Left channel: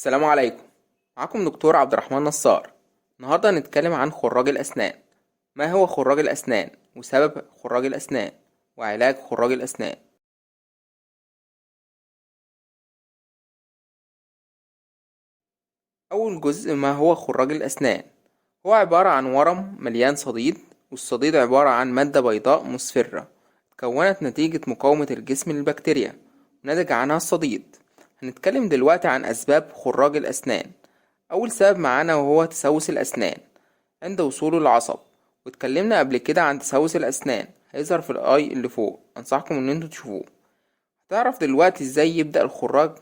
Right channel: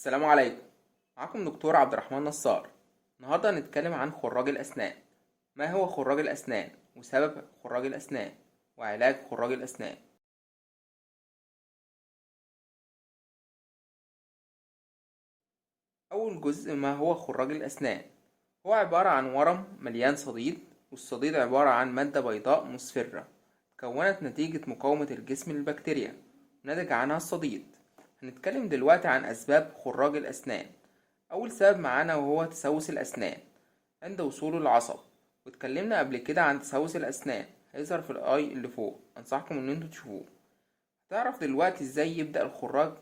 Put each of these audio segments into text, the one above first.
السلام عليكم. معكم دكتور عبد الرحمن نصار. النهارده هنتكلم عن خراج الأسنان. ما هو خراج الأسنان وسبب خراج الأسنان وعلاج خراج الأسنان؟ أول جزء، ما هو خراج الأسنان؟ هو عبارة عن ورم مليان صديد، والصديد عبارة عن مادة بيضاء مصفرة اتكونت نتيجة مقاومة الجسم للبكتيريا ونتج عنها الصديد. هنتكلم دلوقتي عن أسباب خراج الأسنان. أول سبب معانا وهو تسوس الأسنان عند وصوله العصب، واتكلمنا قبل كده عن تسوس الأسنان، هيظهر في الآي اللي فوق، أنصحكم إن انتوا تشوفوه. هتعرف دلوقتي ازاي يبدأ الخراج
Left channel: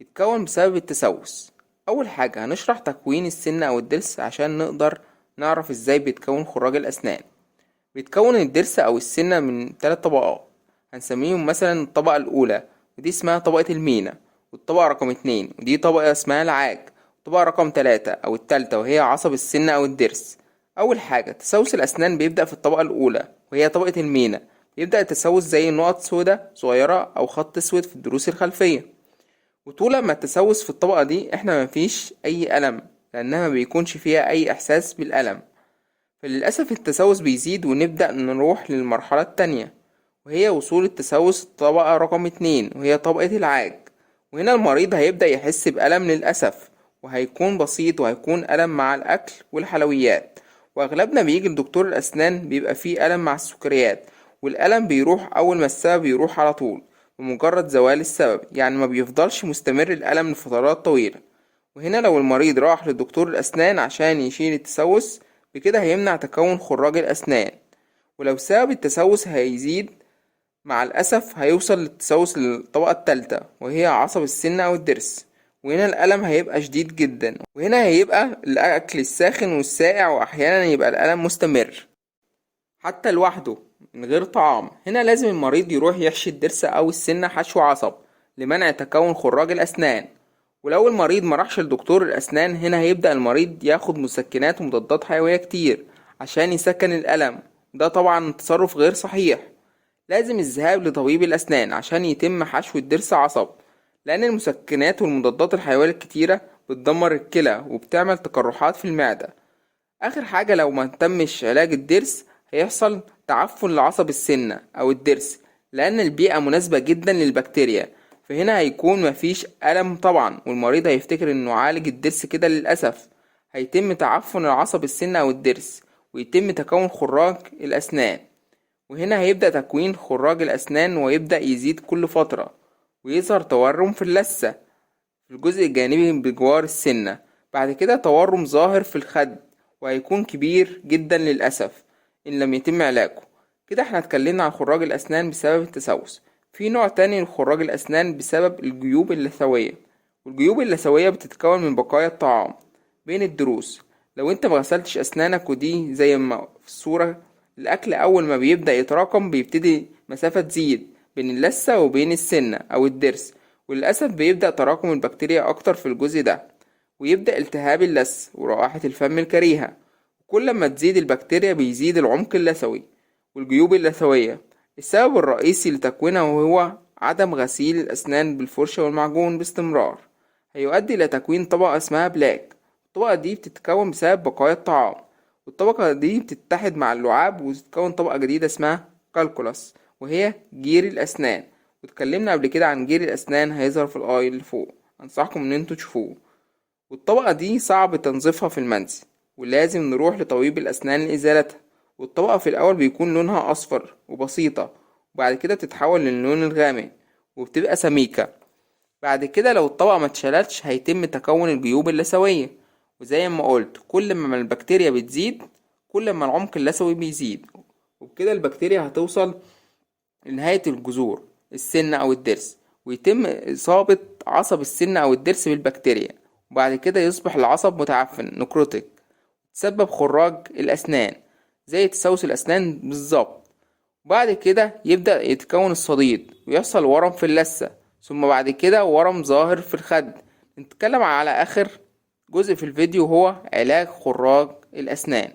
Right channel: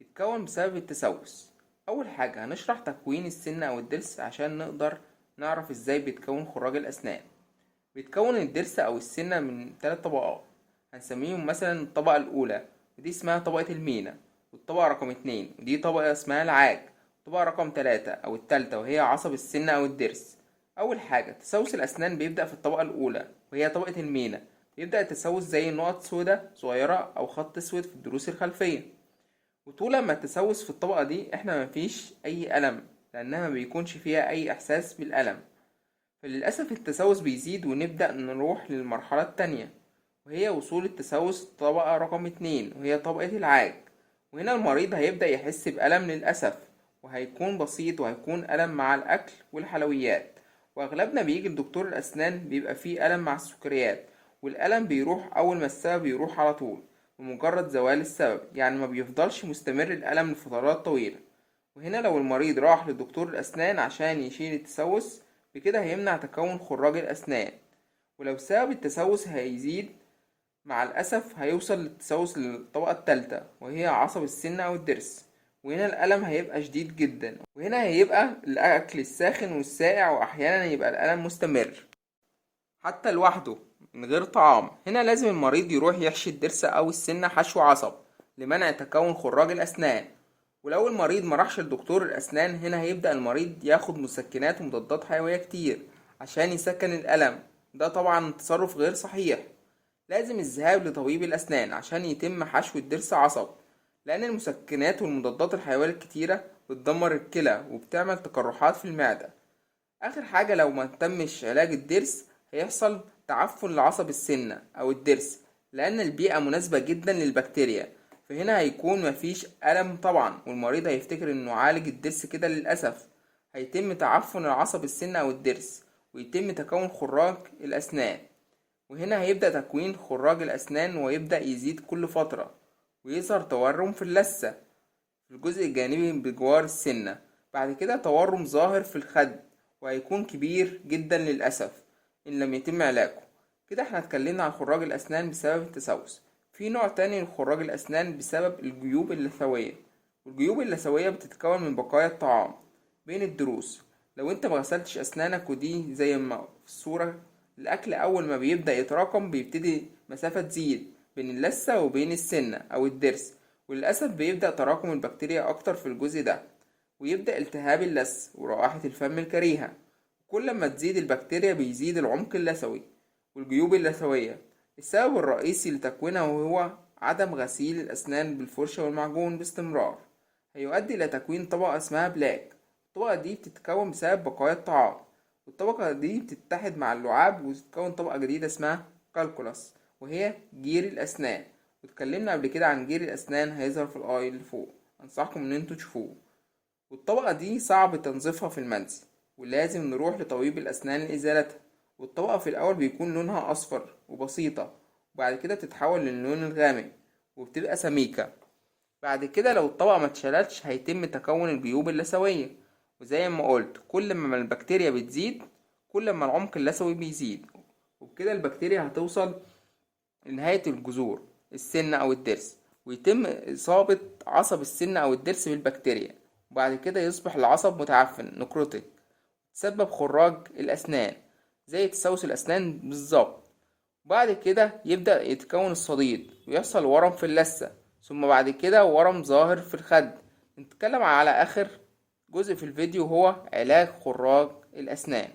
يتكون بسبب التسوس. أول حاجة هنشرح تكوين السن أو الضرس عشان نقدر نعرف ازاي بيتكون خراج الأسنان. بيتكون الضرس أو السنة من 3 طبقات، هنسميهم مثلا الطبقة الأولى ودي اسمها طبقة المينا، والطبقة رقم 2 ودي طبقة اسمها العاج، والطبقة رقم 3 أو التالتة وهي عصب السن أو الضرس. أول حاجة تسوس الأسنان بيبدأ في الطبقة الأولى وهي طبقة المينا. يبدأ التسوس زي نقط سودة صغيرة أو خط أسود في الضروس الخلفية. وطول ما التسوس في الطبقة دي احنا مفيش أي ألم، لأنها ما بيكونش فيها أي إحساس بالألم. فللأسف التسوس بيزيد ونبدأ نروح للمرحلة التانية، وهي وصول التسوس طبقة رقم 2 وهي طبقة العاج. وهنا المريض هيبدأ يحس بألم للأسف، وهيكون بسيط وهيكون ألم مع الأكل والحلويات. وأغلبنا بيجي لدكتور الأسنان بيبقى فيه ألم مع السكريات، والألم بيروح أول ما السبب يروح على طول بمجرد زوال السبب، يعني ما بيفضلش مستمر الألم لفترات طويلة. وهنا لو المريض راح لدكتور الأسنان عشان يشيل التسوس، بكده هيمنع تكون خراج الأسنان. ولو سبب التسوس هيزيد، مع الأسف هيوصل للتسوس للطبقة التالتة وهي عصب السن أو الضرس. وهنا الألم هيبقى شديد جدا، وهنا هيبقى الأكل الساخن والساقع، وأحيانا يبقى الألم مستمر حتى لوحده من غير طعام. هنا لازم المريض يروح يحشي الضرس أو السنة حشو عصب لمنع تكون خراج الأسنان. ولو المريض مراحش لدكتور الأسنان، هنا هيبدأ المريض ياخد مسكنات ومضادات حيوية كتير عشان يسكن الألم. ده طبعا تصرف غير صحيح. لازم الذهاب لطبيب الأسنان عشان يتم حشو الضرس عصب، لأن المسكنات والمضادات الحيوية الكتيرة بتدمر الكلى وبتعمل تقرحات في المعدة. آخر حاجة، لو ما تمش علاج الضرس هيحصل تعفن لعصب السنة أو الضرس، لأن البيئة مناسبة جدا للبكتيريا. فهنا هيكون مفيش ألم طبعا، والمريض هيفتكر إنه عالج الضرس كده. للأسف هيتم تعفن العصب السنة أو الضرس، ويتم تكون خراج الأسنان. وهنا هيبدأ تكوين خراج الأسنان ويبدأ يزيد كل فترة، ويظهر تورم في اللثة في الجزء الجانبي بجوار السنة. بعد كده تورم ظاهر في الخد، وهيكون كبير جدا للأسف إن لم يتم علاجه. كده احنا اتكلمنا عن خراج الأسنان بسبب التسوس. في نوع تاني لخراج الأسنان بسبب الجيوب اللثوية. والجيوب اللثوية بتتكون من بقايا الطعام بين الضروس. لو انت مغسلتش أسنانك، ودي زي ما في الصورة، الأكل أول ما بيبدأ يتراكم بيبتدي مسافة تزيد بين اللثة وبين السنة أو الضرس، وللأسف بيبدأ تراكم البكتيريا أكتر في الجزء ده، ويبدأ التهاب اللثة ورائحة الفم الكريهة. كل ما تزيد البكتيريا بيزيد العمق اللثوي والجيوب اللثوية. السبب الرئيسي لتكوينها هو عدم غسيل الأسنان بالفرشة والمعجون باستمرار، هيؤدي إلى تكوين طبقة اسمها بلاك. الطبقة دي بتتكون بسبب بقايا الطعام، والطبقة دي بتتحد مع اللعاب وتتكون طبقة جديدة اسمها كالكولاس، وهي جير الأسنان. واتكلمنا قبل كده عن جير الأسنان، هيظهر في الآي اللي فوق، أنصحكم إن انتوا تشوفوه. والطبقة دي صعب تنظيفها في المنزل، ولازم نروح لطبيب الأسنان لإزالتها. والطبقة في الأول بيكون لونها أصفر وبسيطة، وبعد كده بتتحول للون الغامق وبتبقى سميكة. بعد كده لو الطبقة ما اتشالتش هيتم تكون الجيوب اللثوية. وزي ما قلت، كل ما البكتيريا بتزيد كل ما العمق اللثوي بيزيد، وبكده البكتيريا هتوصل لنهاية الجذور السن أو الضرس، ويتم إصابة عصب السن أو الضرس بالبكتيريا. وبعد كده يصبح العصب متعفن نكروتيك، تسبب خراج الأسنان زي تسوس الأسنان بالظبط. وبعد كده يبدأ يتكون الصديد ويحصل ورم في اللثة، ثم بعد كده ورم ظاهر في الخد. نتكلم على آخر جزء في الفيديو هو علاج خراج الأسنان.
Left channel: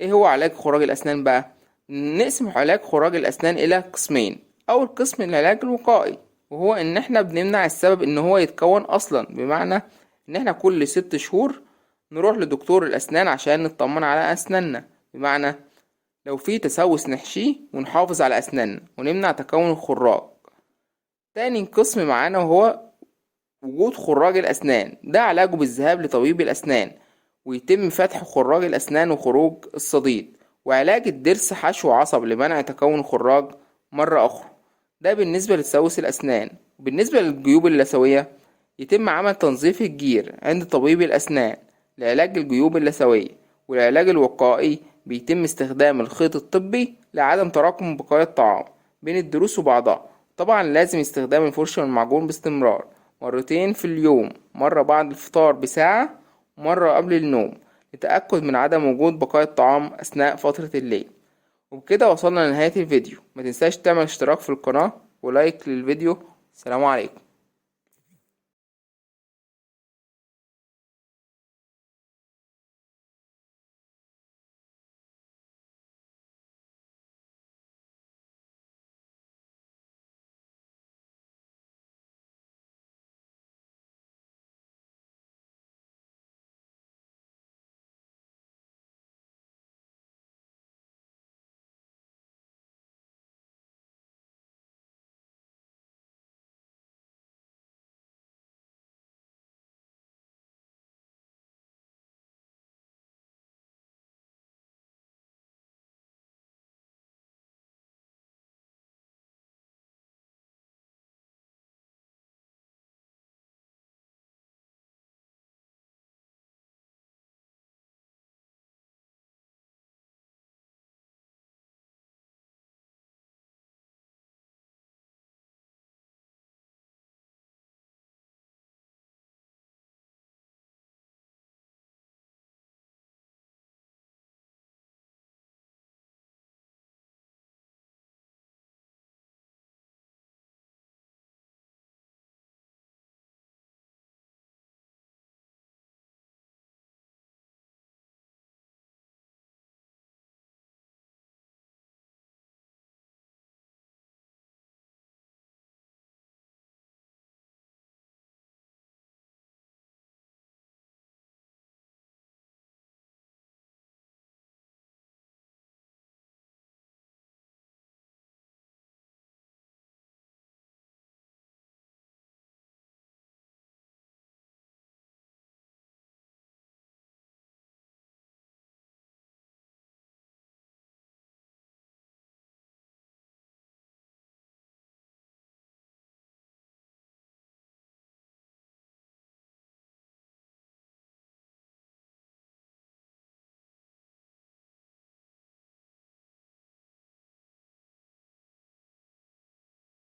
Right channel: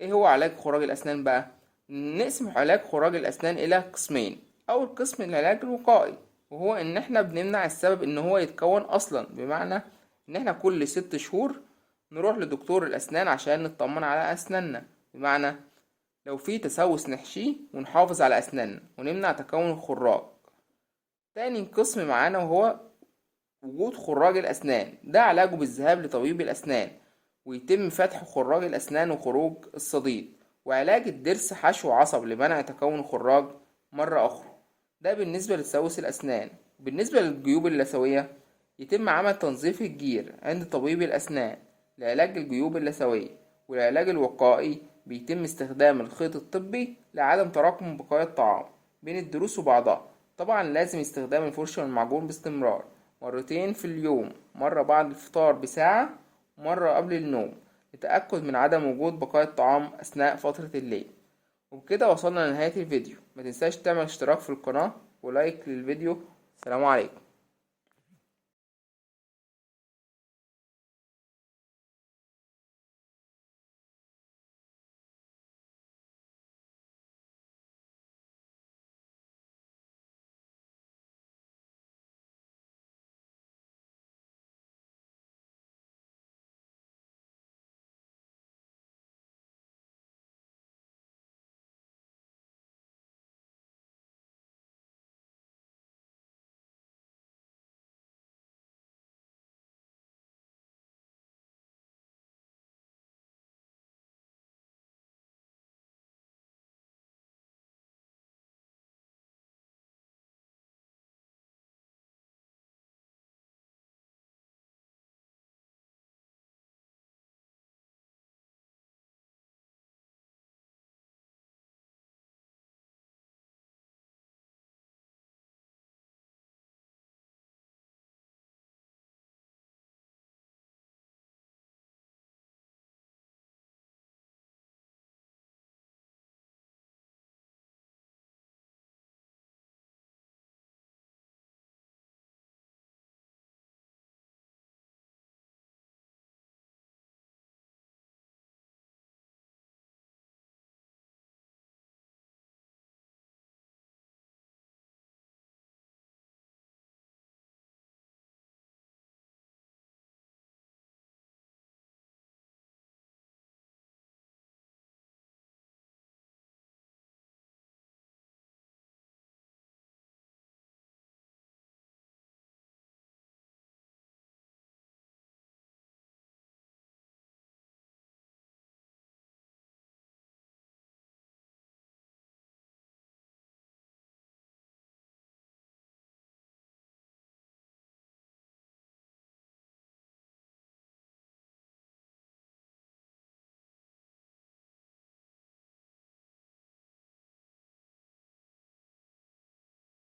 ايه هو علاج خراج الأسنان بقى؟ نقسم علاج خراج الأسنان إلى قسمين. أول قسم العلاج الوقائي، وهو إن احنا بنمنع السبب إن هو يتكون أصلا، بمعنى ان احنا كل 6 شهور نروح لدكتور الاسنان عشان نطمن على اسناننا. بمعنى لو في تسوس نحشيه ونحافظ على اسناننا ونمنع تكون الخراج. تاني قسم معانا وهو وجود خراج الاسنان، ده علاجه بالذهاب لطبيب الاسنان ويتم فتح خراج الاسنان وخروج الصديد، وعلاج الضرس حشو عصب لمنع تكون الخراج مرة اخرى. ده بالنسبة لتسوس الاسنان. بالنسبة للجيوب اللثوية يتم عمل تنظيف الجير عند طبيب الاسنان لعلاج الجيوب اللثوية. والعلاج الوقائي بيتم استخدام الخيط الطبي لعدم تراكم بقايا الطعام بين الضروس وبعضها. طبعا لازم استخدام الفرشة والمعجون باستمرار، مرتين في اليوم، مرة بعد الفطار بساعة ومرة قبل النوم، لتأكد من عدم وجود بقايا الطعام أثناء فترة الليل. وبكده وصلنا لنهاية الفيديو. ما تنساش تعمل اشتراك في القناة ولايك للفيديو. السلام عليكم.